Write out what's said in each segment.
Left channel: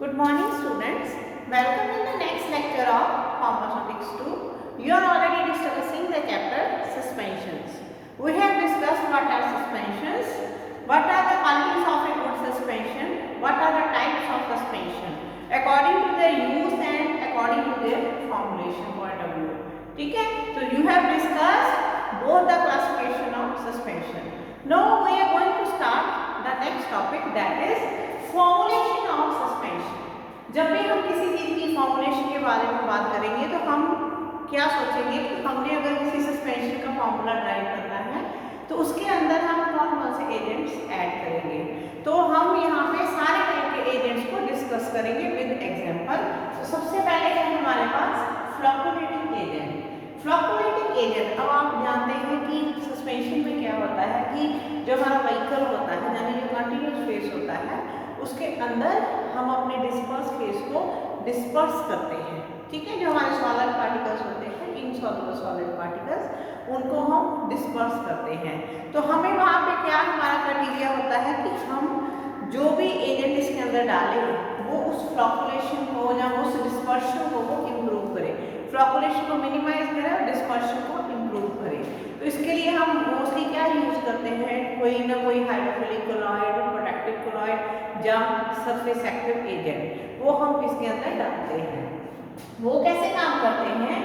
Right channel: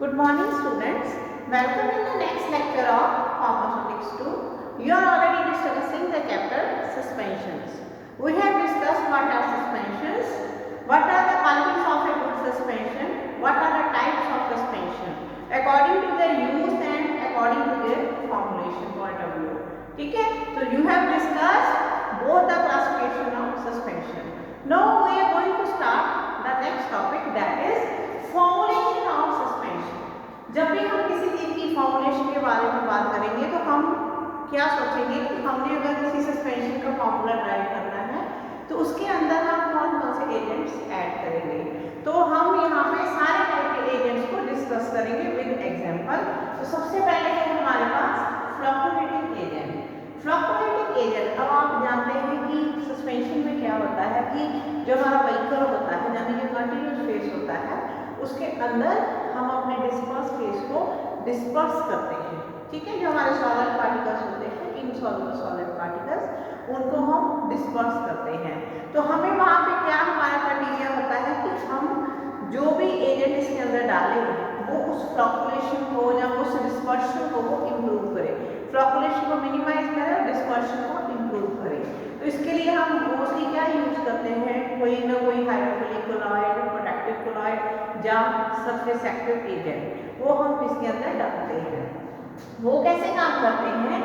Good morning students. Welcome in the next lecture of Pharmaceutics 2. You are already discussing the chapter suspensions. We have discussed what are suspensions, what are the qualities of a good suspension, what are the types of suspension according to their use and according to their formulation point of view. ठीक है? So you have discussed both the classification of suspension. Now we are going to start the next topic, that is formulation of suspension. जब भी हम किसी चीज़ की formulation के बारे में बात करेंगे तो हम क्या सोचेंगे कि हमने अगर किसी सस्पेंशन का फॉर्मूला ड्राइव करना है तो उसके अंदर हम कौन कौन से एजेंट्स ऐड करेंगे। तो हम यहाँ पे सारे टाइप के एजेंट्स को डिस्कस करेंगे विद एग्जांपल। तो सबसे पहले है हमारे पास फ्लक्चुएटिंग एजेंट। फ्लक्चुएटिंग एजेंट, अब आप जानते हैं कि सस्पेंशन में क्या होता है कि जो हमारा व्हीकल होता है यानी जो कंटिन्यूस फेस होता है उसके अंदर हम अपने डिस्पर्स फेस को डिस्पर्स करते हैं। ठीक है, जो हमारे सॉलिड पार्टिकल्स होते हैं, इनसॉल्युबल सॉलिड पार्टिकल्स, उनको हम डिस्पर्स करते हैं। तो हमें वहाँ पे क्या हमारा क्राइटेरिया होता है कि हम जो भी एजेंट इसके अंदर डालें वो उस फ्लक्चुएशन को या उस डिस्पर्शन को वो इम्प्रूव करे, फ्लक्चुएशन को मिनिमाइज करे और डिस्पर्शन को इम्प्रूव करे। तो इसके लिए हम मोस्टली क्या यूज करते हैं, कोई ना कोई हाइड्रोफिलिक कोलॉइड, प्रोटेक्टिव कोलॉइड या सरफेस एक्टिव एजेंट, वो हम इसके अंदर डालते हैं। वो कैसे काम करते हैं?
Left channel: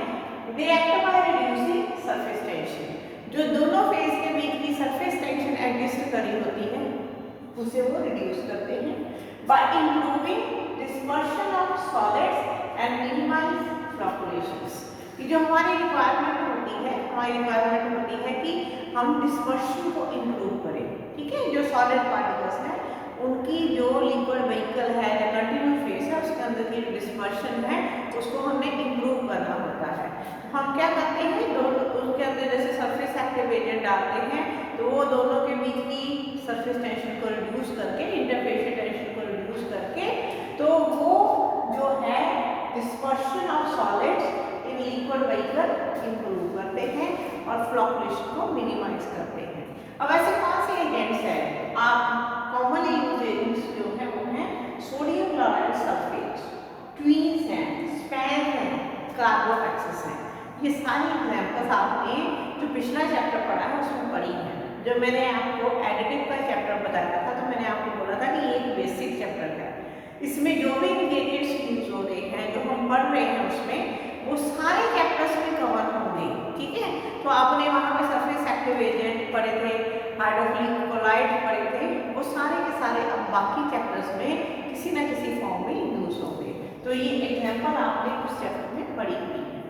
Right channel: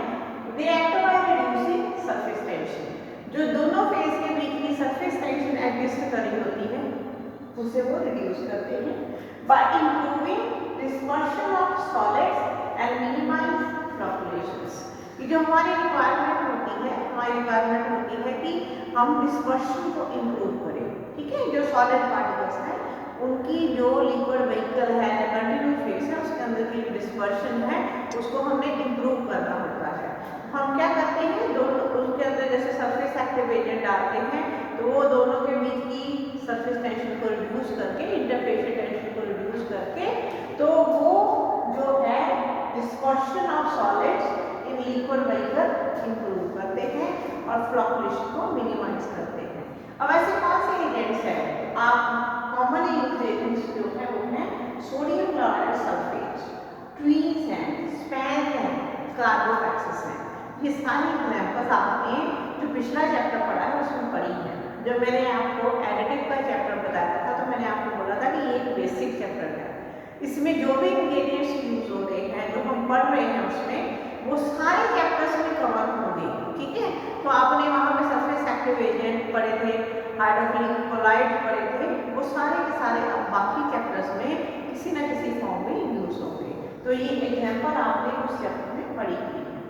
They act by reducing surface tension. जो दोनों फेज के बीच की सरफेस टेंशन एडजस्ट करी होती है उसे वो रिड्यूस करते हैं by improving dispersion of solids and minimize fluctuations. ये जो हमारी रिक्वायरमेंट होती है, हमारी रिक्वायरमेंट होती है कि हम डिस्पर्शन को इम्प्रूव करें। ठीक है, जो सॉलिड पार्टिकल्स हैं उनकी जो लिक्विड व्हीकल है या कंटिन्यूस फेस है उसके अंदर की डिस्पर्शन है उसको हमें इम्प्रूव करना होता है। हम क्या करते हैं, दोनों उसके अंदर जैसे सरफेस एक्टिव एजेंट डालते हैं तो वो दोनों के बीच की सरफेस टेंशन को रिड्यूस करके, इंटरफेस टेंशन को रिड्यूस करके, तो वो जो है dispersion of solids in liquid vehicle improve करते हैं और फ्लक्चुएशन को मिनिमाइज करते हैं। अब ऐसे कौन से एजेंट्स हैं? आप कॉमन यूज एजेंट्स जो है वो हैं सोडियम क्लोराइड सल्फेट, ट्वीन्स हैं, स्पैन हैं, कार्बोटैक्सिस हैं। ये सारी एग्जाम्पल्स आपने जो पिछला चैप्टर पढ़ा है उसमें पढ़ी है। जब मैंने आपको एडिटिव का चैप्टर बताया था तो मैंने आपको बोला था कि ये एक बेसिक चैप्टर है, इसमें जो भी इंग्रेडिएंट्स यूज होते हैं जो हम पढ़ रहे हैं उसमें वो सारे चैप्टर्स में कवर होंगे। ठीक है, तो आपने वहाँ पे सरफेस एक्टिव एजेंट पढ़े थे, हाइड्रोफिलिक कोलॉइड पढ़े थे, वो सारे के सारे अब बाकी चैप्टर्स में किसी न किसी फॉर्म में यूज होंगे। तो ये एग्जाम्पल आपने उस चैप्टर में पढ़ी हुई है।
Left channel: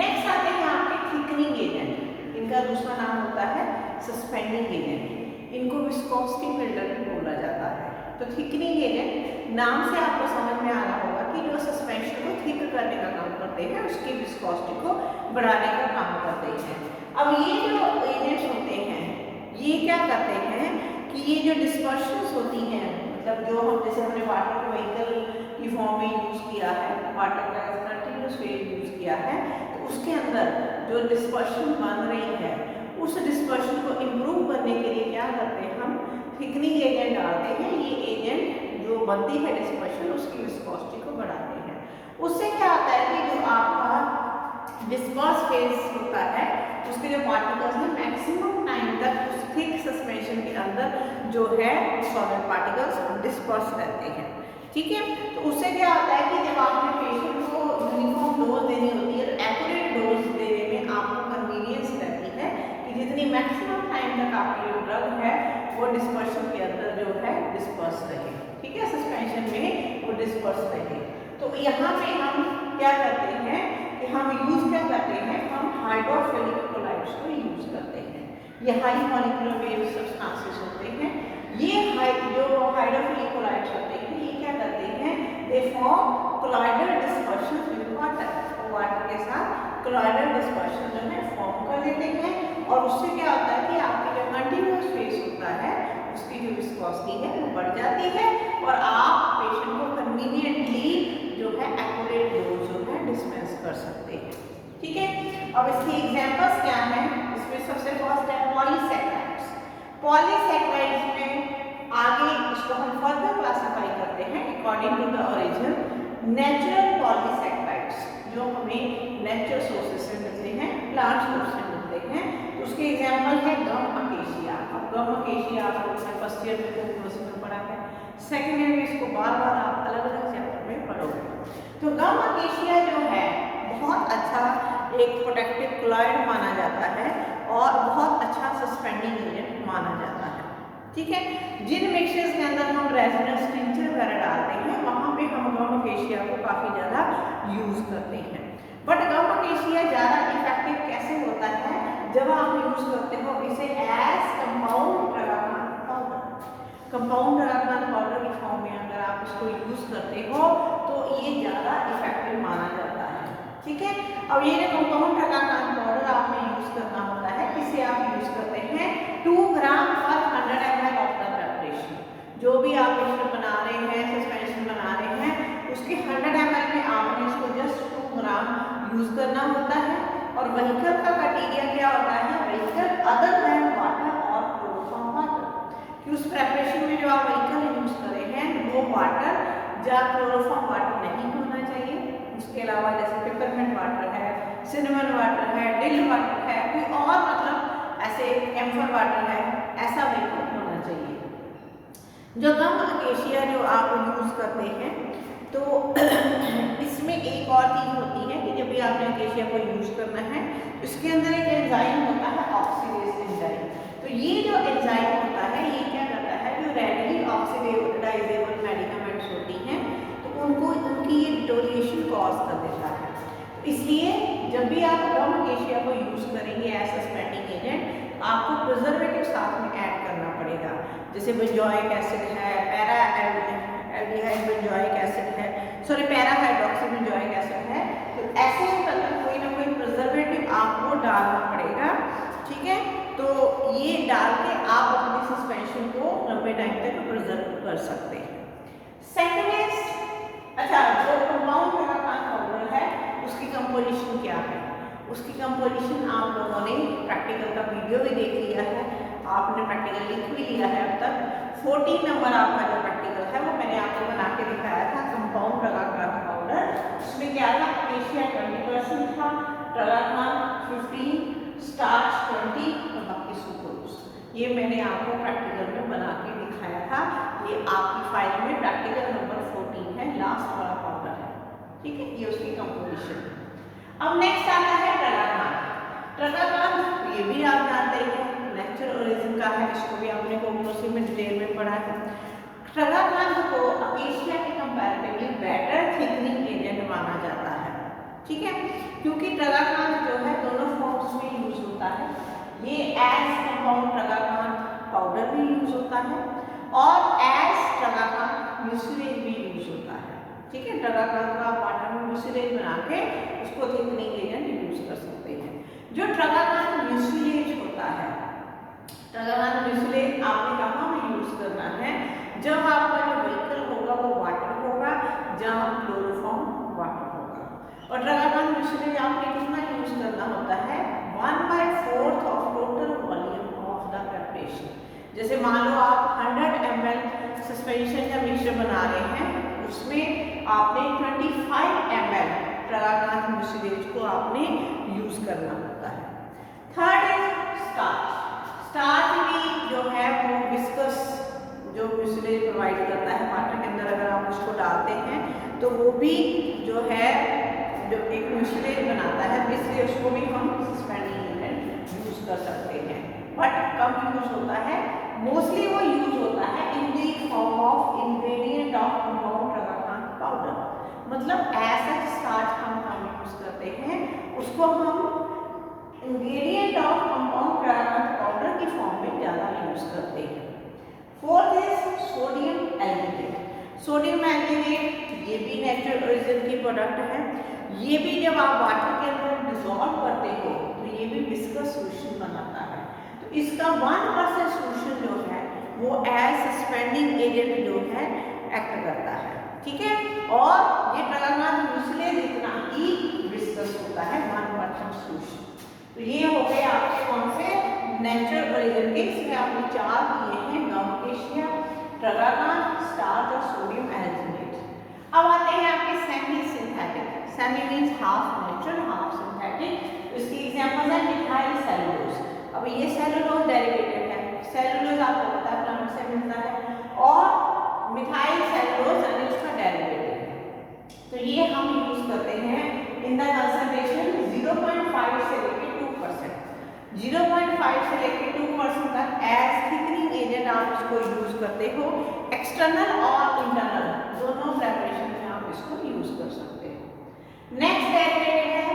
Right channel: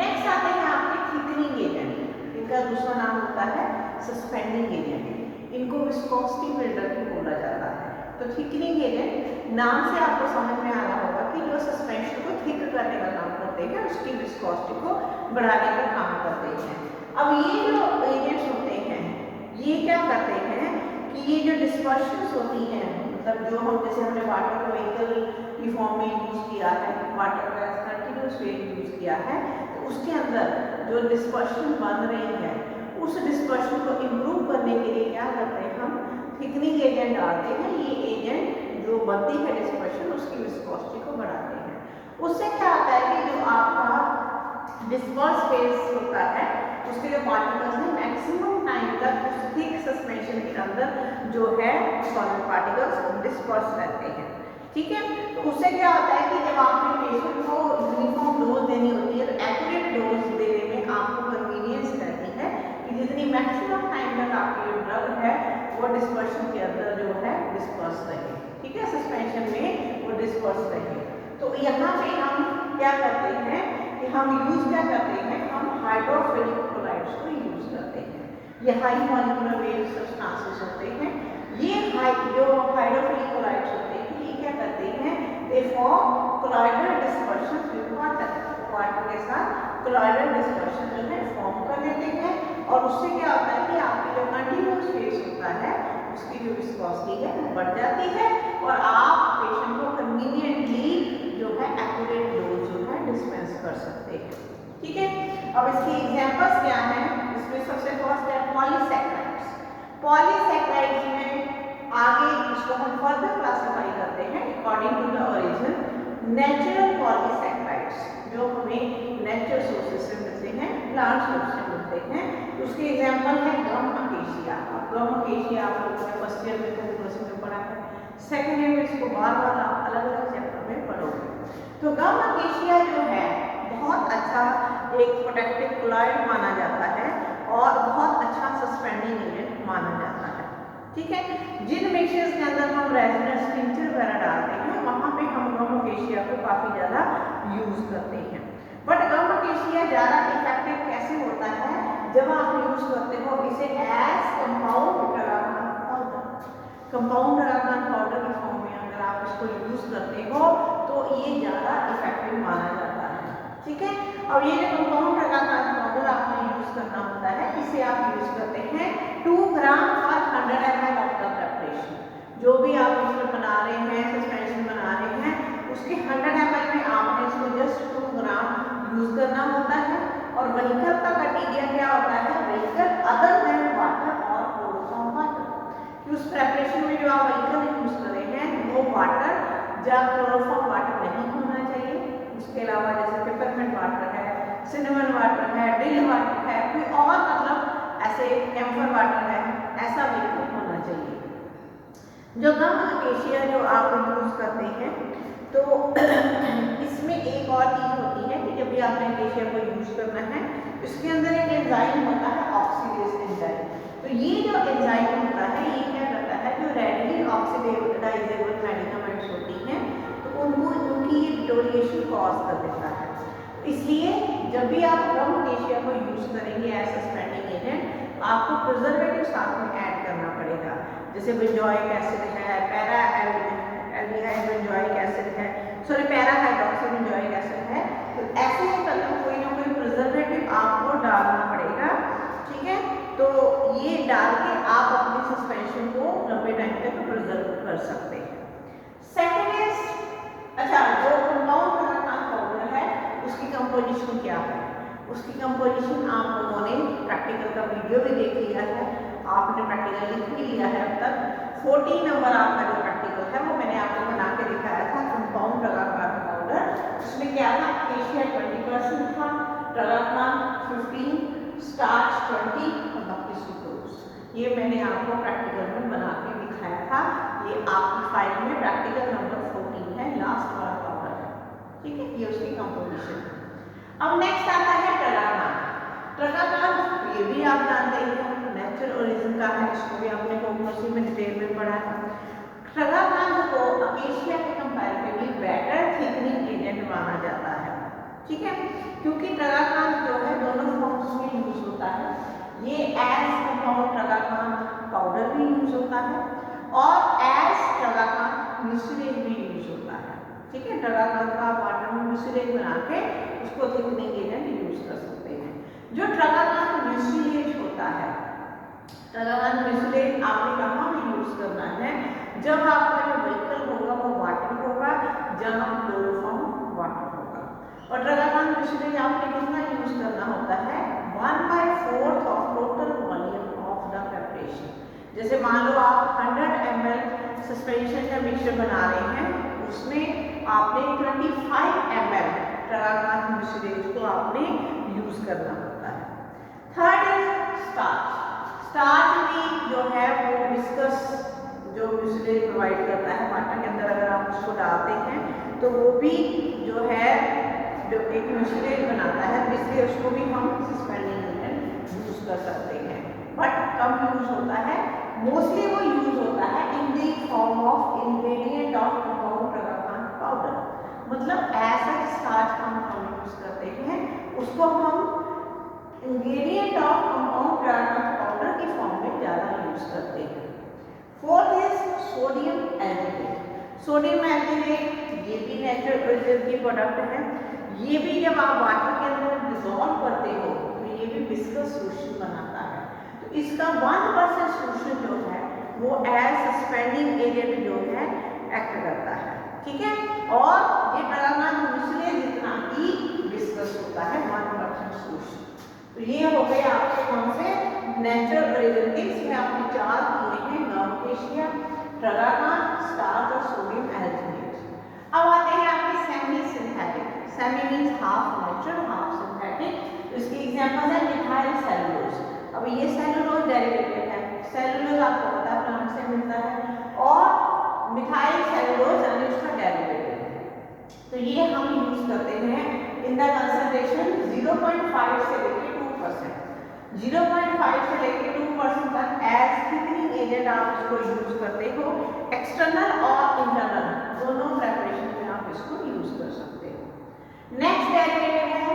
नेक्स्ट आते हैं आपके थिकनिंग एजेंट। इनका दूसरा नाम होता है सस्पेंडिंग एजेंट। इनको विस्कोसिटी बिल्डर भी बोला जाता है। तो थिकनिंग एजेंट नाम से आपको समझ में आया होगा कि जो सस्पेंशन को थिक करने का काम करते हैं, उसकी विस्कोसिटी को बढ़ाने का काम करते हैं। अब ये जो एजेंट्स होते हैं ये क्या करते हैं कि ये जो डिस्पर्शंस होती हैं, मतलब जो हम जैसे हमने वाटर को व्हीकल की फॉर्म में यूज किया है, वाटर का कंटिन्यूस वे यूज किया है, तो उसके अंदर जो डिस्पर्शन बन रही है उस डिस्पर्शन को इम्प्रूव करने के लिए क्या करते हैं, हम थिकनिंग एजेंट डालते हैं। ये एजेंट जो बनती है डिस्पर्शन उसकी विस्कोसिटी को बढ़ाते हैं। उससे क्या होता है कि जो आपका डिस्पर्स फेस होता है उसके जो पार्टिकल्स हैं मैक्सिमम टाइम तक उस थिक सस्पेंशन के अंदर जो है सॉलिड पार्टिकल्स डिस्पर्स रहते हैं। ठीक है, तो उससे क्या होता है कि जब आपके पेशेंट को यूनिफॉर्म डोज देनी होती है, एक्यूरेट डोज देने में आपको कन्वीनियंस रहती है कि जितनी मैक्सिमम टाइम तक आपकी जो ड्रग है वो डिस्पर्शन के अंदर जो है डिस्पर्स रहे। ठीक है, सस्पेंशन में वो डिस्पर्स रहे। तो यहाँ पे हम क्या करते हैं कि हम यूज क्या करते हैं, हम हाइड्रोफिलिक कोलॉइड्स को यूज करते हैं। ये हाई मॉलिक्यूलर वेट सब्सटेंसेस होते हैं। ये जो हाइड्रोफिलिक कोलॉइड्स होते हैं ये क्या करते हैं, they form colloidal dispersion with water. Water के साथ कोलॉइडल डिस्पर्शन जो है फॉर्म कर लेते हैं और उससे क्या होता है कि आपका जो कंटिन्यूस फेस होता है उसकी जो विस्कोसिटी है वो बढ़ जाती है और आप पेशेंट को कन्वीनियंटली जो है एक्यूरेट डोज जो है डिस्पेंस कर सकते हैं। ठीक है, अब इसकी एग्जांपल्स क्या हैं? इसमें सबसे फर्स्ट है पॉलीसैकेराइड्स। पॉलीसैकेराइड्स में आगे उसको हम फर्दर क्लासिफाई करते हैं according to the origin natural polysaccharides जो हमें नेचुरल सोर्सेज से मिलते हैं, प्लांट सोर्स से मिलते हैं। उसके एग्जाम्पल है गम अकेशिया। अब गम अकेशिया आप लोगों ने फर्स्ट ईयर में कोर्स में पढ़ा है, सेकेंड ईयर में इसको बार बार आप अलग अलग चैप्टर में पढ़ोगे। तो गम अकेशिया जो है बहुत अच्छा एक प्रोटेक्टिव क्लॉइड माना जाता है और बहुत अच्छा सस्पेंडिंग एजेंट माना जाता है। ठीक है, जिन मिक्सचर्स के अंदर हम रेजोनेंस टिंचर वगैरह डालते हैं वहाँ पे हम गम अकेशिया को काफ़ी ज़्यादा यूज़ करते हैं। बट गम अकेशिया ज़्यादा इफेक्टिव कैसे होता है जब आप यूज़ करते हो इसे as compound tragacanth powder. Compound tragacanth powder के फॉर्म में अगर आप इसको यूज़ करते हो तो ये ज़्यादा इफेक्टिव माना जाता है। ठीक है, अब ये जो कंपाउंड ट्रागाकान पाउडर आपने यूज़ करना होता है, इसे आप यूज़ करते हैं 2 ग्राम पर 100 ml ऑफ द प्रिपरेशन। जो भी आप मिक्सचर बना रहे हैं, सस्पेंशन बना रहे हैं, उसके 100 ml में आपने इसको जस्ट 2 ग्राम यूज़ करना होता है। और व्हीकल का क्राइटेरिया क्या होता है, व्हीकल अदर देन वाटर और क्लोरोफॉर्म वाटर, कि उस प्रिपरेशन में जो आप व्हीकल यूज़ कर रहे हैं वो वाटर या क्लोरोफॉर्म वाटर नहीं होना चाहिए। उसके अलावा जैसे पेपरमेंट वाटर है, सिनेमन वाटर है, डिल वाटर है, कोई और मतलब ऐसे कैम्फर वाटर है, ऐसा व्हीकल होना चाहिए। जो गम अकेशिया जो आप यूज़ करते हैं तो इसमें एक और चीज़ होती है कि जब भी आपने अकेशिया को यूज़ करना है, इसके अंदर एक एंजाइम होता है ऑक्सीडेज एंजाइम। तो ये जो एंजाइम होता है ये क्या करता है, जो रेडली ऑक्सीडाइजेबल मेडिकामेंट्स होती हैं तो उनको उनकी डिटोरिएशन कॉज कर देता है। इसलिए जब भी आप गम अकेशिया को यूज़ करेंगे एज सस्पेंडिंग एजेंट, आपको प्रिजर्वेटिव साथ में ऐड करना पड़ेगा। जैसे बेंजोइक एसिड है, पैरा एल्डिहाइड बेंजोइक एसिड है, sorry para hydroxy benzoic acid है। तो ऐसे में मतलब कोई ना कोई प्रिजर्वेटिव आपको डालना पड़ेगा। ठीक है, तो ये डाल के आप अपने सस्पेंशन को लंबे टाइम तक प्रिजर्व कर सकते हैं। सेकेंड इज, अच्छा जो कंपाउंड ट्रागाकान पाउडर है उसकी कंपोजिशन क्या है, उसकी कंपोजिशन आप लोगों ने प्रैक्टिकल का वीडियो भी देख लिया है, आपने प्रैक्टिकल लिख भी लिया है। अब तक 14 नंबर आपका जो प्रैक्टिकल था वो मैंने आपको बना के दिखाया था कंपाउंड ट्रागाकान पाउडर। उसमें क्या था, अकेशिया 20% था, ट्रागाकान 15, स्टार्च 20 और बाकी सुक्रोज। ये मैंने आपको प्रैक्टिकल में बना के दिखाया था। ये आपकी फाइल में प्रैक्टिकल नंबर 14 है, लास्ट वाला पाउडर है। ठीक है, ये उसकी कंपोजिशन। अब नेक्स्ट आता है ट्रागाकान। ट्रागाकान ये भी आप जानते हैं नेचुरल ओरिजिन का है, इसको भी आपने कोर्स में डिटेल में पढ़ा है। ट्रागाकान को अकेशिया के कंपैरेटिवली बेटर थिकनिंग एजेंट माना जाता है। ठीक है, क्योंकि ट्रागाकान जो है दोनों फॉर्म्स में यूज होता है। ये एज कंपाउंड ट्रागाकान पाउडर भी यूज होता है और एज ट्रागाकान म्यूसिलेज भी यूज होता है। ठीक है, ट्रागाकान का वाटर में म्यूसिलेज बना के उसको थिकनिंग एजेंट यूज कर सकते हैं। जो ट्रागाकान म्यूसिलेज होता है, ट्रागाकान म्यूसिलेज आपने कहाँ भी यूज करना है, जब आपका जो व्हीकल होगा वो वाटर होगा, जहाँ क्लोरोफॉर्म वाटर होगा। और ट्रागाकान म्यूसिलेज आपने कितना यूज करना होता है, 1/4 of total volume of the preparation. जैसे मान लो आप 100 ml सस्पेंशन का मिक्सचर बना रहे हैं, उसमें आपने 25 ml ट्रागाकान म्यूसिलेज को आपने यूज करना होता है। Third is starch. स्टार्च भी जो है वो विस्कस जो म्यूसिलेज प्रोवाइड करता है वाटर के अंदर, अगर आप उसको डालते हैं तो वो भी जो है जो एक म्यूसिलेज बनाता है, इसलिए उसको भी हम सस्पेंडिंग एजेंट यूज कर सकते हैं। बट कम यूज होता है, मोस्टली वो यूज होता है in the form of ingredient of compound tragacanth powder. मतलब ऐसा स्टार्च हम यूज करते हैं, उसको हम ingredient of compound tragacanth powder की फॉर्म में ज़्यादा यूज करते हैं। Fourth is sodium alginate. Sodium alginate ये भी नेचुरल ओरिजिन की प्रोडक्ट है। ये भी जब आप वाटर के अंदर डिसॉल्व करते हो तो ये भी विस्कस सोल्यूशन बनाता है। तो इसका 1% सोल्यूशन जो है वो एज सस्पेंडिंग एजेंट जो है एक्ट करता है। ठीक है, और ये ट्रागाकान म्यूसिलेज जितना ही विस्कस होता है, 1% सोल्यूशन। तो ये हो गए आपके कौन से नेचुरल ओरिजिन के, इसमें आपने 4 किए हैं, गम अकेशिया, ट्रागाकान, स्टार्च और sodium alginate. Semi means half natural half synthetic. इसकी एग्जांपल है मिथाइल सेलुलोज। अब ये सेलुलोज डेरिवेटिव है, सेलुलोज आपको पता है प्लांट से मिलता है, और मिथाइल सेलुलोज यानी उसका डेरिवेटिव है। तो ये हम यूज करते हैं इन द कंसंट्रेशन 0.5 से लेकर 2%। 0.5 से लेकर 2% तक एज थिकनिंग एजेंट आप इसको यूज करते हो। एक्सटर्नल और इंटरनल दोनों प्रिपरेशन में आप इसको यूज कर सकते हो। नेक्स्ट डेरिवेटिव है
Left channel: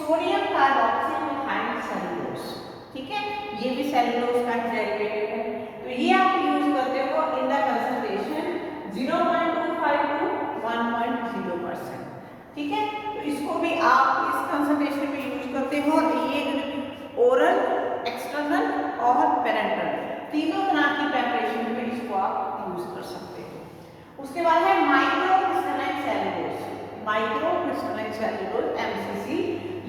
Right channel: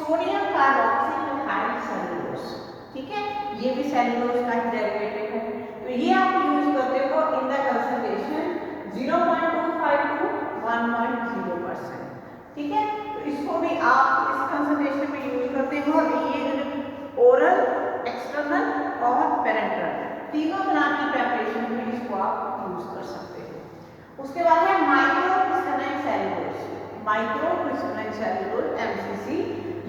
सोडियम कार्बोक्सी मिथाइल सेलुलोज। ठीक है, ये भी सेलुलोज का डेरिवेटिव है। तो ये आप यूज करते हो इन द कंसंट्रेशन 0.25 to 1.0%। ठीक है, तो इसको भी आप इस कंसंट्रेशन में यूज करते हो। ये ओरल, एक्सटर्नल और पेरेंटल तीनों तरह की प्रिपरेशन में इसको आप यूज कर सकते हो। उसके बाद है micro crystalline cellulose. Micro crystalline cellulose MCC,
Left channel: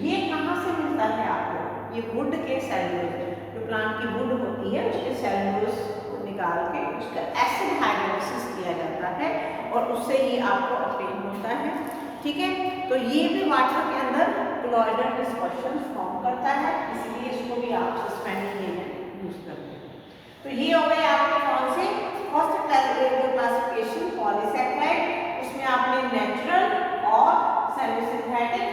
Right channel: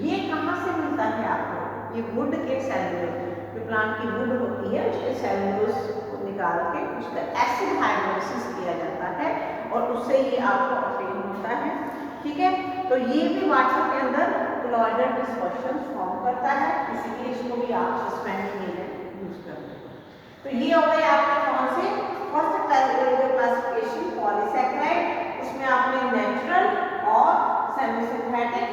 ये कहाँ से मिलता है आपको? ये वुड के सेलुलोज, जो प्लांट की वुड होती है उसके सेलुलोज को निकाल के उसका एसिड हाइड्रोलिसिस किया जाता है और उससे ये आपको ऑब्टेन होता है। ठीक है, तो ये भी वाटर के अंदर क्लोराइडल डिस्पर्शन फॉर्म करता है, इसलिए इसको भी आप सस्पेंडिंग एजेंट यूज करते हैं। तो ये हो गए आपके कौन से फर्स्ट क्लासिफिकेशन पॉलीसैकेराइड। उसमें आपने नेचुरल और सेमी सिंथेटिक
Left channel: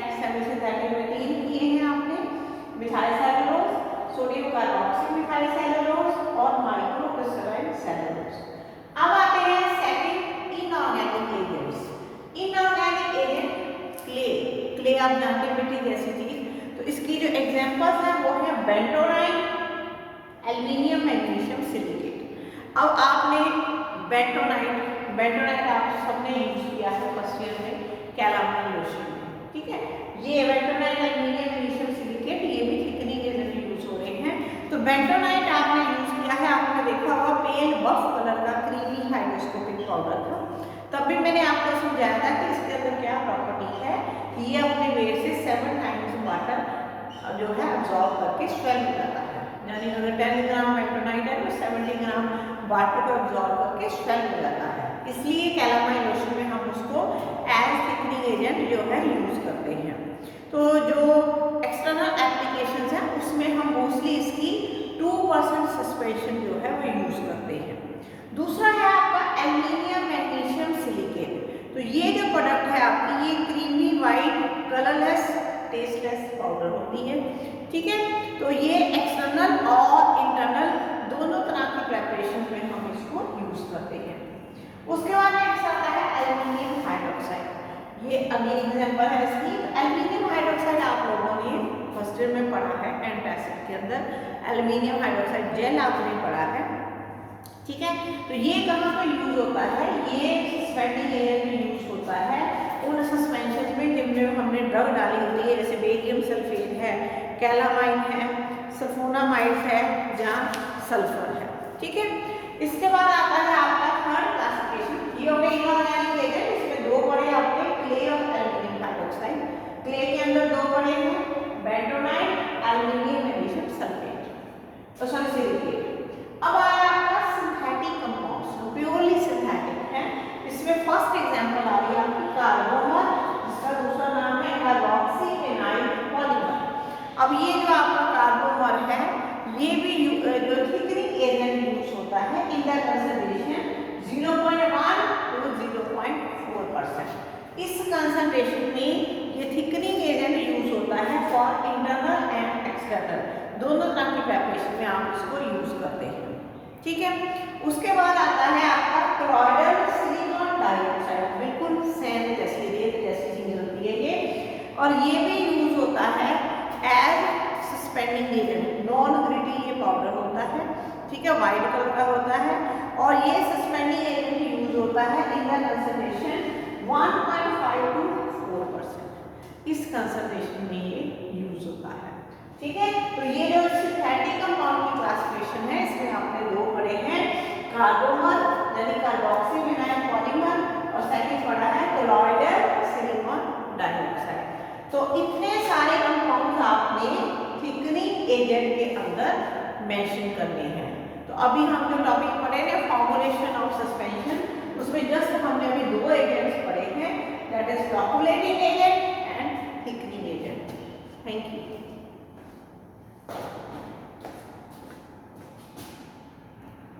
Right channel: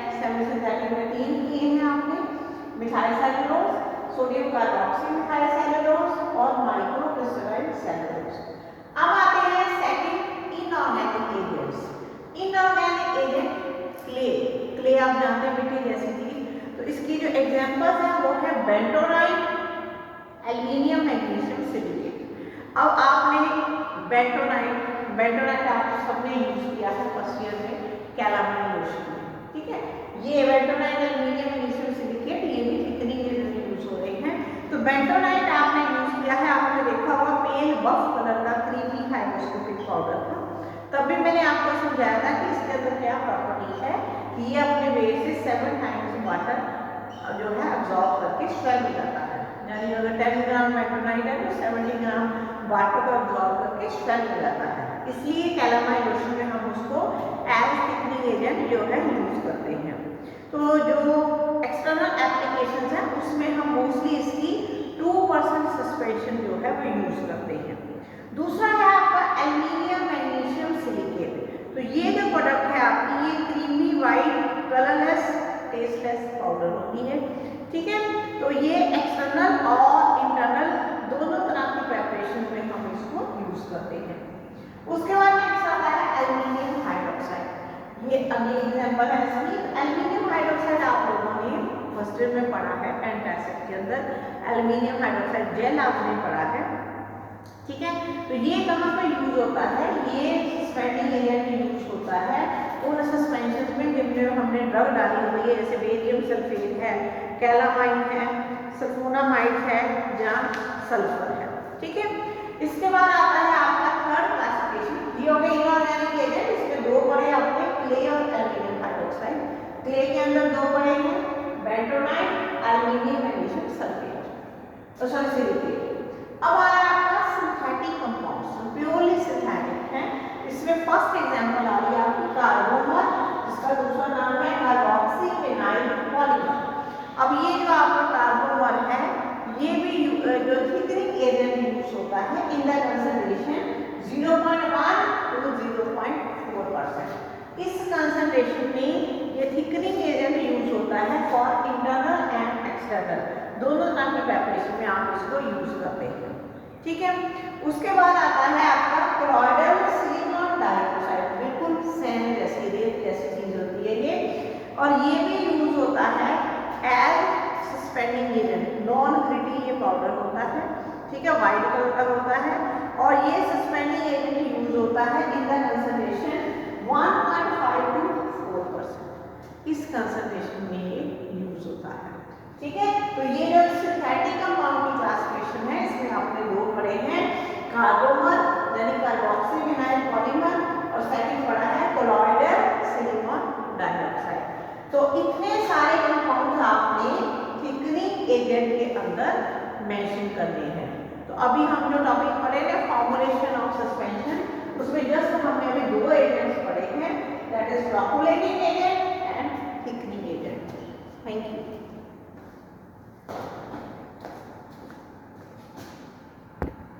में 3 किए हैं आपने, methyl cellulose, sodium carboxy methyl cellulose और माइक्रो क्रिस्टलाइन सेलुलोज। अब आते हैं second inorganic agents. Inorganic agent clay आप जानते हैं मिट्टी जैसी चीज। तो इसकी जो एग्जांपल्स हैं वो है बेंटोनाइट, एल्युमिनियम मैग्नीशियम सिलिकेट। अब आपने बेंटोनाइट आप सबने यूज किया है फर्स्ट ईयर में कैलामाइन लोशन में। ठीक है, ये बेंटोनाइट, एल्युमिनियम मैग्नीशियम सिलिकेट ये भी थिकनिंग एजेंट यूज होते हैं। तो बेंटोनाइट आपने यूज किया है, आपने देखा होगा पेल बफ कलर का क्रीमी हाइड्रोस्कोपिक पाउडर था। तब भी मैंने आपको समझाया था कि इसके अंदर क्या प्रॉपर्टी है, ये अपने वेट से 7 टाइम्स वाटर जो है अब्सॉर्ब करके स्वेल हो जाता है। यानी अगर 10 ग्राम बेंटोनाइट है तो 70 ग्राम वाटर को अब्सॉर्ब करके स्वेल हो जाता है। इसलिए कैलामाइन लोशन में हम उसको एज थिकनिंग एजेंट जो है यूज करते हैं। तो जो एक्सटर्नल एप्लीकेशंस हैं उसमें हम मोस्टली इसकी 2% सस्पेंशन जो है वो यूज करते हैं। दूसरा है आपका एल्युमिनियम मैग्नीशियम सिलिकेट। तो ये जो प्रोडक्ट है आपकी, ये creamy white colourless tasteless powder होती है। ठीक है, तो ये एक्सटर्नल और इंटरनल दोनों तरह की प्रिपरेशन में हम इसको यूज करते हैं। उसके बाद नेक्स्ट आता है एल्युमिनियम हाइड्रोक्साइड। ये अगली एग्जांपल है इसकी। एल्युमिनियम हाइड्रोक्साइड आप लोगों ने फर्स्ट ईयर में पढ़ा है एंटासिड के अंदर, एल्युमिनियम हाइड्रोक्साइड जेल आपने पढ़ा है। ठीक है, तो ये कहाँ पे यूज होता है? ये सस्पेंडिंग एजेंट में यूज होता है उन सस्पेंशन में जिनमें हमने ड्रग डाली होती है, जैसे बेरियम सल्फेट है, कैलामाइन है, सल्फोनामाइड है, जहाँ सल्फर है। ठीक है, इसके बाद आता है आपका थर्ड क्लासिफिकेशन। ये हो गए इनऑर्गेनिक एजेंट। इसमें 2 पढ़े आपने, क्ले और एल्युमिनियम हाइड्रोक्साइड। क्ले के अंदर 2 पढ़े हैं, bentonite, aluminium magnesium sulphate, sorry silicate. अब आया आपका सिंथेटिक कंपाउंड्स, प्योरली सिंथेटिक है। इसमें फर्स्ट एग्जांपल आ रही है आपकी कार्बोमर, जिसका दूसरा नाम है कार्बोक्सी फिनाइल पॉलीमर। अब ये जो आपका कार्बोमर है ये भी जो थिकनिंग एजेंट यूज होता है इन द कंसंट्रेशन 0.1 to 0.4%। इस कंसंट्रेशन में ये थिकनिंग एजेंट यूज होता है फॉर इंटरनल एंड एक्सटर्नल दोनों तरह की प्रिपरेशन में आप इसको यूज करते हैं। ठीक है, उसके बाद आता है आपका क्लोराइडल सिलिकॉन डाइऑक्साइड। बिल्कुल सेम जैसी रेत जैसी चीज होती है ये, और ये भी यूज होता है as suspending agent. Non gritty ये पाउडर होता है। ठीक है, व्हाइट कलर का होता है और ये सस्पेंडिंग एजेंट यूज होता है इन द कंसंट्रेशन 1.5 to 4%। इस कंसंट्रेशन में ये यूज होता है। ठीक है, तो ये जो सिंथेटिक कंपाउंड की क्लासिफिकेशन है इसमें आपने 2 पढ़े हैं, कार्बोमर यानी कार्बोक्सी फिनाइल पॉलीमर, और सेकंड पढ़ा है कोलॉइडल सिलिकॉन डाइऑक्साइड। तो इतने सारे कंपाउंड्स आपने थिकनिंग एजेंट के अंदर मेंशन करने हैं। तो अभी हम जो टॉपिक पढ़े हैं फॉर्मुलेशन ऑफ सस्पेंशन, उसमें जस्ट हमने